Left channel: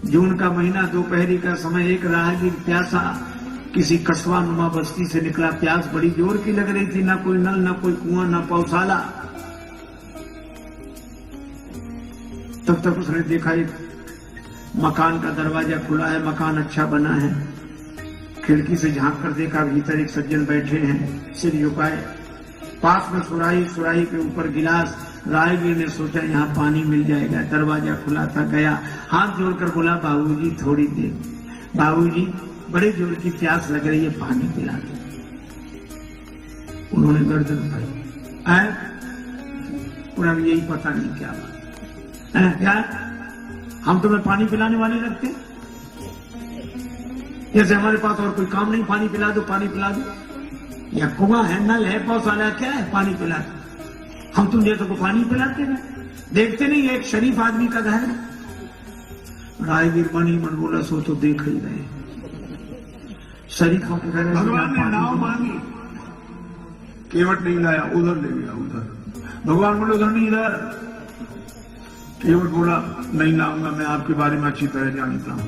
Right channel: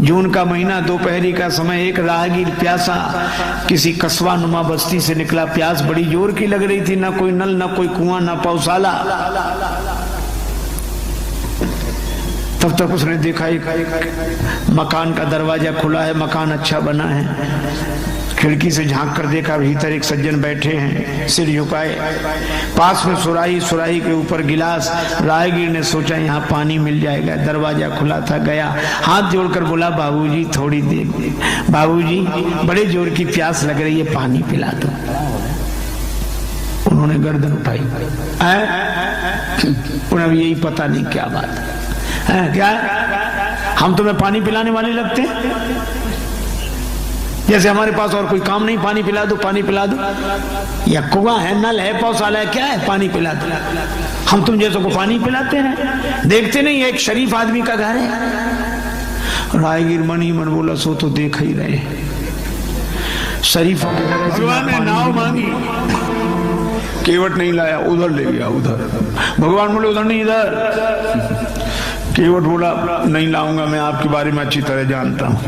जून का महीना, दोपहरी का समय, एक राहगीर प्यासा किसी कस्बा नुमा बस्ती से निकला। प्यास बड़ी जोर की लग रही थी, ना कोई नल, ना कोई कुआं, ना पौशाला। तब तक उसने देखा मकान का दरवाजा खुला है, मकान अच्छा बना है। खिड़की से झांक कर देखा, भीतर एक सज्जन बैठे हैं, सिर झुकाए, पास में सुराही, सुराही के ऊपर गिलास। राहगीर ने सोचा यहाँ पानी मिल जाएगा, दरवाजा खुला था, गया, हाथ जोड़कर बोला, बाबूजी थोड़ी देर, बाबूजी बड़े जोर की प्यास लग रही है, पानी पिला दो। उन्होंने गर्दन उठाई, उन्हें यही पता नहीं क्या बात है, क्या हम तुम्हें पानी पिलाने वाले लगते हैं? जैसे हमारे पास और कोई काम नहीं, पानी पिला दो, पानी पिला दो। या कुआं है, नल है, पौशाला है, क्या है, पानी पिला दो। हम तुम जैसे को पानी पिलाते हैं? देखते नहीं एक शरीफ आदमी का घर है। राहगीर मनी मन बोला, सो तो देख ही रहे शरीफों के घर। भगवान ने नाव मांगी, केवट नहीं लाया, उधर ले गया, उधर। भगवान बोले उधर नहीं, इधर। केवट बोला, नहीं लाऊंगा, मैं आपके बारे में अच्छी तरह जानता हूं।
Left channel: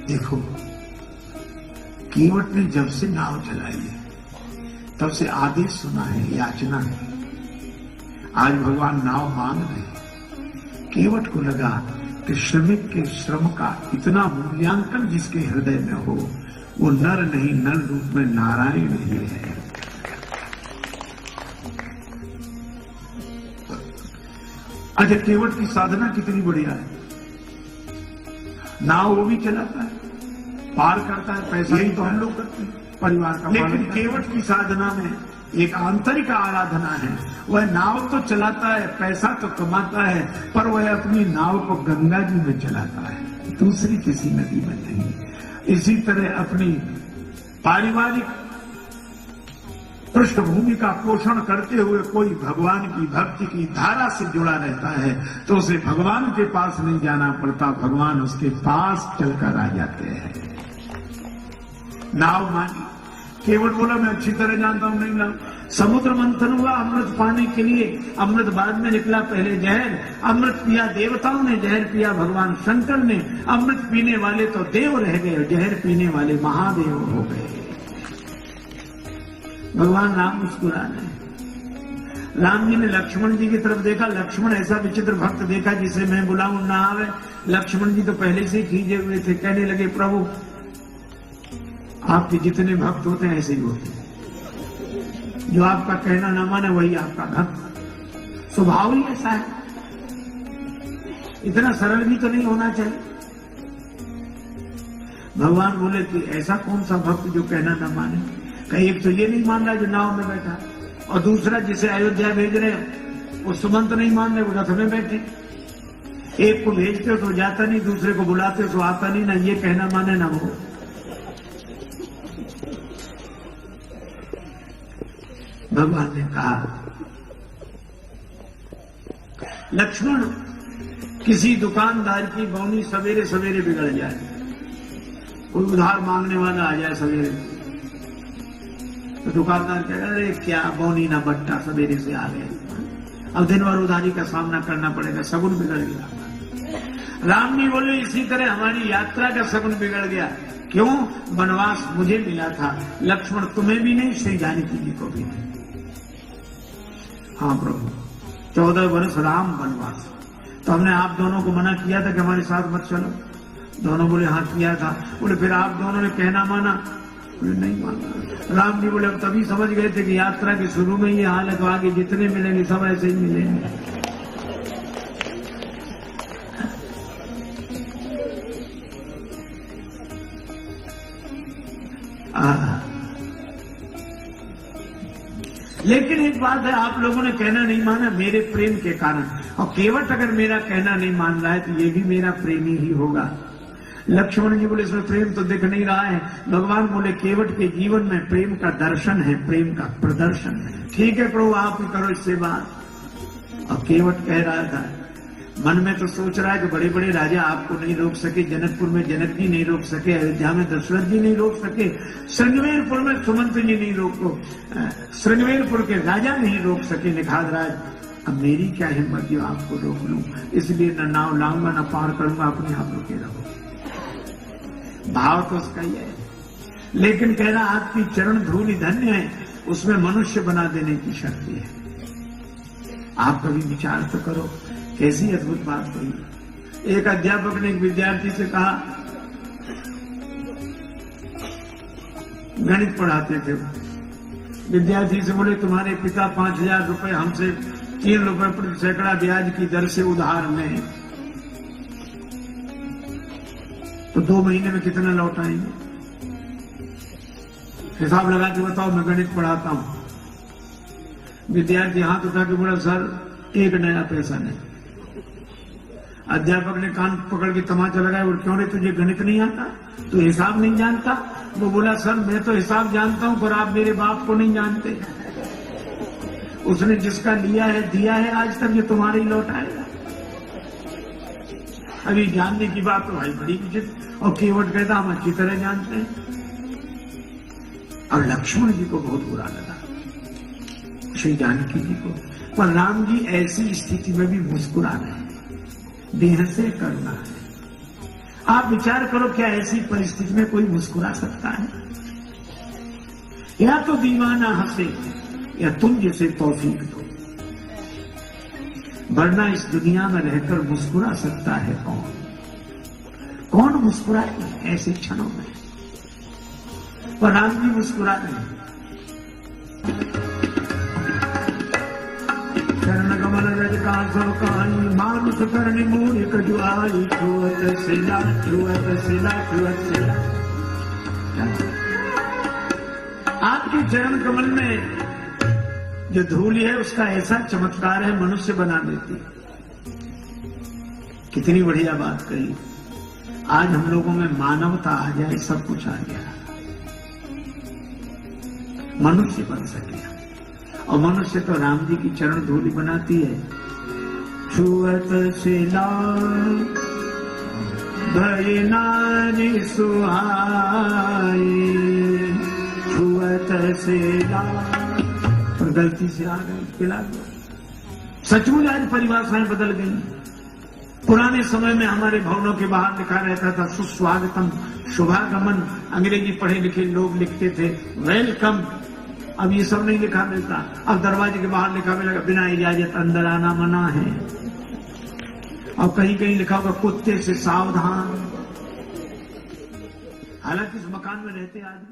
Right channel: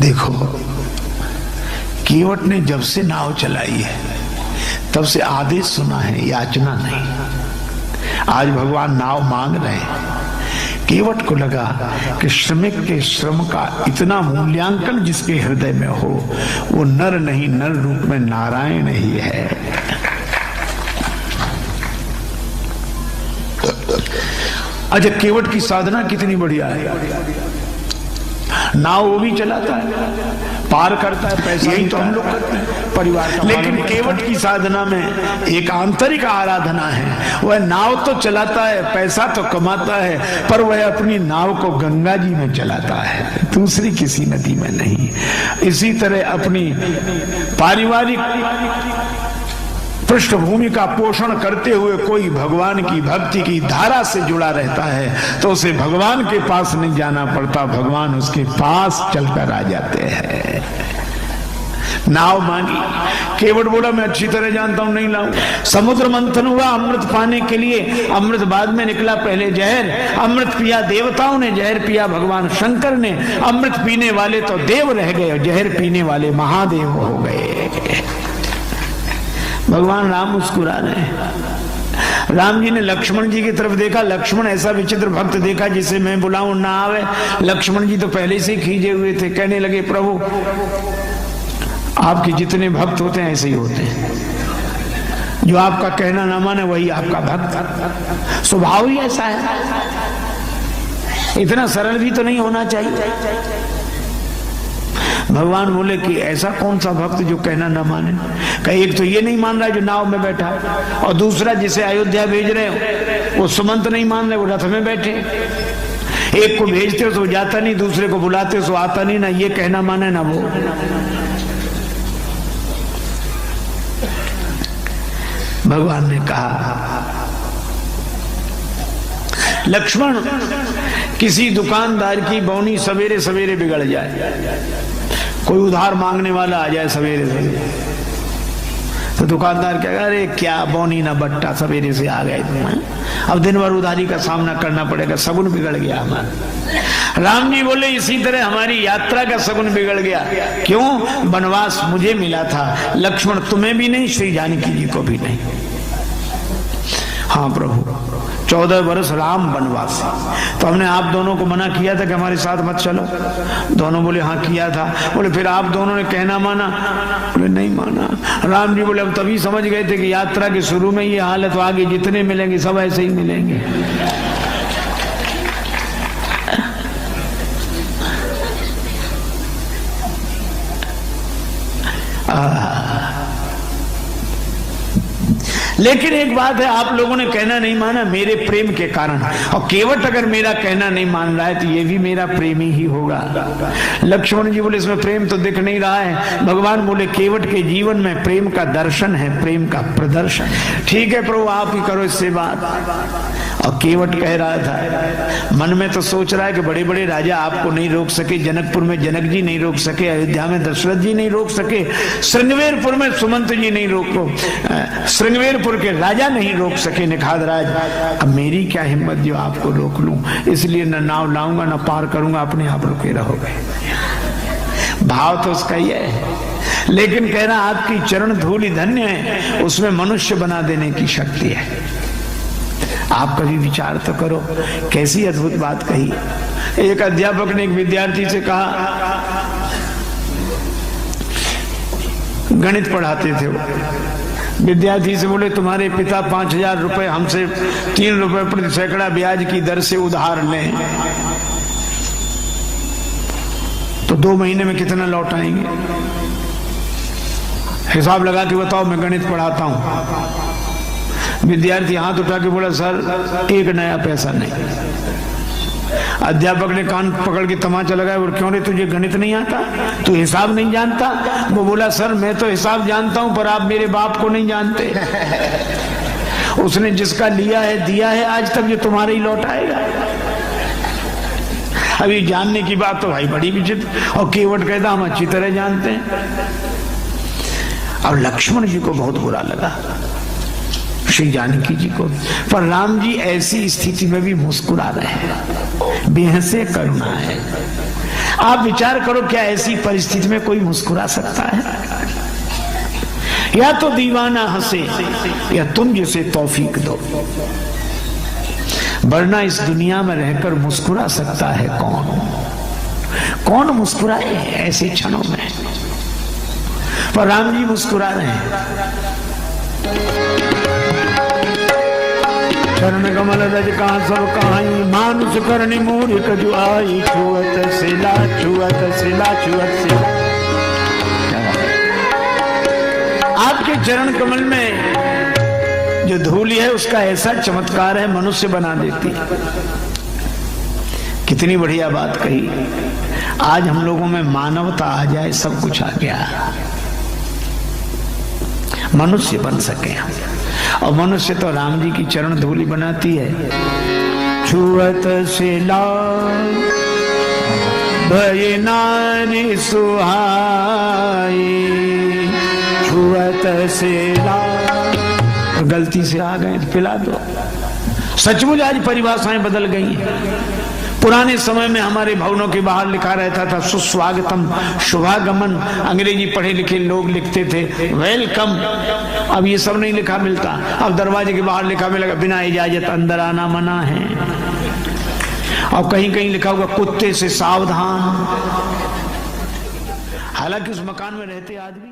देखो, केवट ने जब से नाव चलाई है तब से आदेश सुना है, याचना नहीं। आज भगवान नाव मांग रहे हैं। केवट को लगा कि श्रमिक के श्रम का इतना मूल्यांकन जिसके हृदय में हो, वो नर नहीं, नर रूप में नारायण ही है। अच्छा, केवट की साधना कितनी बढ़िया है। नाव वो भी चलाता है, पार करता है, पैसा ही तो हम लोग करते हैं परिवार। लेकिन केवट की साधना में एक आंतरिक आराधना है। वह नाव तो चलाता है, पैसा तो कमाता है, पर वह अपनी नाव को गंगा जी में चलाता है, दूसरी किसी नदी में नहीं। इसी तरह अपनी पारिवारिक पृष्ठभूमि का पोषण करते हुए कोई भगवान की भक्ति की धारा से जुड़ा रहता है तो उसे भगवान के पास नहीं जाना पड़ता, भगवान उसके पास चलकर आ जाते हैं। नाव मांगी, केवट बोला, मैं अच्छी तरह जानता हूं, नहीं लाऊं। समुद्र मंथन हुआ अमृत पाने के लिए, अमृत बाद में निकला, पहले जहर। अमृत पिया देवताओं ने, जहर पिया भगवान शंकर ने। अमृत पीने वाले तो देव रह गए, जहर पीने वाले महादेव हो गए। भगवान राम मुस्कुरा रहे हैं। राम जी ने लक्ष्मण जी की तरफ देखा, लक्ष्मण ऐसा विचित्र भक्त देखा जिसे मैं बुलाऊं ना आवे। लक्ष्मण जी तो पहले से ही खींचे हुए थे, कहने लगे, प्रभु आपके जितने भक्त होते हैं ऐसे ही होते हैं, जो आपका कहना ना माने वही आपका भक्त। स्वभाव ही ऐसा है, इतना सरल भी तो नहीं होना चाहिए। भगवान बोले कि ऐसा कौन सा भक्त जो कहना न माने? कहीं एक तो ये नहीं मान रहा जो नाव में बैठा, और दूसरा जिसे अयोध्या भेज रहे वो सुमंत नहीं मान रहे, वो रथ में बैठे। एक को भेजते हो तो जाता नहीं, दूसरे को बुलाते हो तो आता नहीं, ना ये कहना माने ना वो। भगवान ने कहा, लक्ष्मण किसी दुकानदार की बौनी सवेरे सवेरे बिगड़ जाए, कोई उधार मांगने वाला आ जाए सवेरे से, तो दुकानदार कहेगा, अरे क्या बौनी ना बट्टा, सवेरे से आ गए तुम, अब दिन भर उधारी का सामना करना पड़ेगा, सगुन बिगड़ गया हमारा। राम जी बोले, इसी तरह हमारी यात्रा का सगुन बिगड़ गया। क्यों? वनवास मुझे मिला था, लक्ष्मण तुम्हें भी नहीं, श्री जानकी जी को भी नहीं। हाँ प्रभु, 14 वर्ष राम वनवासी, तो हमने आप दोनों को मना किया था कि हमारे साथ मत चलो। दोनों बोले हाँ किया था। बोले फिर आप दोनों ने कहना माना? बोले नहीं माना। राम जी बोले हम तभी समझ गए थे कि यात्रा के शुरू में ही हालत, आगे जितने मिलेंगे सब ऐसे ही मिलेंगे। लेकिन एक बात है, आप लोगों ने कहना नहीं माना मेरे प्रेम के कारण, और केवट अगर मेरा कहना नहीं मान रहा है तो ये भी मेरा प्रेमी ही होगा। लक्ष्मण जी बोले इसमें प्रेम तो दिख नहीं रहा है। भगवान बोले केवट के जीवन में प्रेम का दर्शन है, प्रेम का प्रदर्शन। ठीक है प्रभु, आप ही करो इससे बात। और केवट कह रहा था, मन में तो सोच रहा है कि बड़े बड़े राजा आपको नहीं रोक सके, जनकपुर में जनक जी नहीं रोक सके, अयोध्या में दशरथ जी नहीं रोक सके, श्रृंगवेरपुर में सुमंत जी नहीं रोको, श्रृंगवेरपुर के राजा नहीं रोक सके निखाद राज। अब मेरी क्या हिम्मत जो आपको रोक लूं, इसलिए न नाव लाऊंगा न पार करूंगा, अपने आप रुके रहोगे। भाव तो उसका ही है, लेकिन कह रहा आपकी चरण धूलि धन्य है, उसमें मनुष्य बना देने की शक्ति है। आप कभी विचार तो करो, कैसी अद्भुत बात कही। एक अध्यापक ने एक विद्यार्थी से कहा, गणित पढ़ाते थे, विद्यार्थी से बोले तुम्हारे पिता 5,000 रुपए हमसे 3 रुपए प्रति सैकड़ा ब्याज की दर से उधार लें, तो 2 महीने में कितना लौटाएंगे? हिसाब लगा के बताओ, मैं गणित पढ़ाता हूं। विद्यार्थी हाथ उठा के बोला, सर 1 नया पैसा नहीं। अध्यापक ने कान पकड़ के तमाचा लगाया, और क्यों रे तुझे गणित नहीं आता, तू हिसाब नहीं जानता? वो बोला, सर मैं तो हिसाब जानता हूं, पर आप मेरे बाप को नहीं जानते। उसने जिसका लिया है दिया है, आज तक ये तुम्हारे ही लौटाएगा। अभी जानने की बात तो भाई बड़ी विचित्र। और केवट कहता हम अच्छी तरह जानते हैं। अब लक्ष्मण जी को बहुत बुरा लगा, श्री जानकी जी को, पर राम जी ऐसी स्थिति में भी मुस्कुरा रहे हैं, बेहसे करुणा है। आप विचार करो, क्या ऐसी परिस्थिति में कोई मुस्कुरा सकता है? या तो दीवाना हंसे या तुम जिसे तौफीक दो, वरना इस दुनिया में रहकर मुस्कुरा सकता है कौन? कौन मुस्कुराए ऐसे क्षणों में? पर राम जी मुस्कुरा रहे हैं। चरण कमल रज का सब कहानी, मानुष करनी मूर्ख जुआई, छुअत सिला छुअत सिला छुअत सिला। आपके चरण कमल में जो धूलि है उसका ऐसा चमत्कार है, मनुष्य बना देती। कितनी बढ़िया बात कही। आज हम लोगों में मानवता आ जाए, सब कुछ आ गया, मनुष्य बन सके। और मनुष्य तो राम जी की चरण धूलि बनाती है। छुअत सिला भय नारी सुहाई, छुअत सिला। गलती से आ गए, पिला दो। सचमुच आज परिभाषाएं बदल गई। पुराने समय में हमारे भवनों के बाहर लिखा रहता था सुस्वागतम, शुभागमन। अंग्रेजी पढ़े लिखे लोग लिखते थे वेलकम। अब ये सब नहीं लिखा मिलता। अब दरवाजे के बाहर लिखा मिलेगा बिना इजाजत अंदर आना मना है। और कहीं कहीं लिखा होगा कुत्ते से सावधान। हालांकि उस मकान में रहते आदमी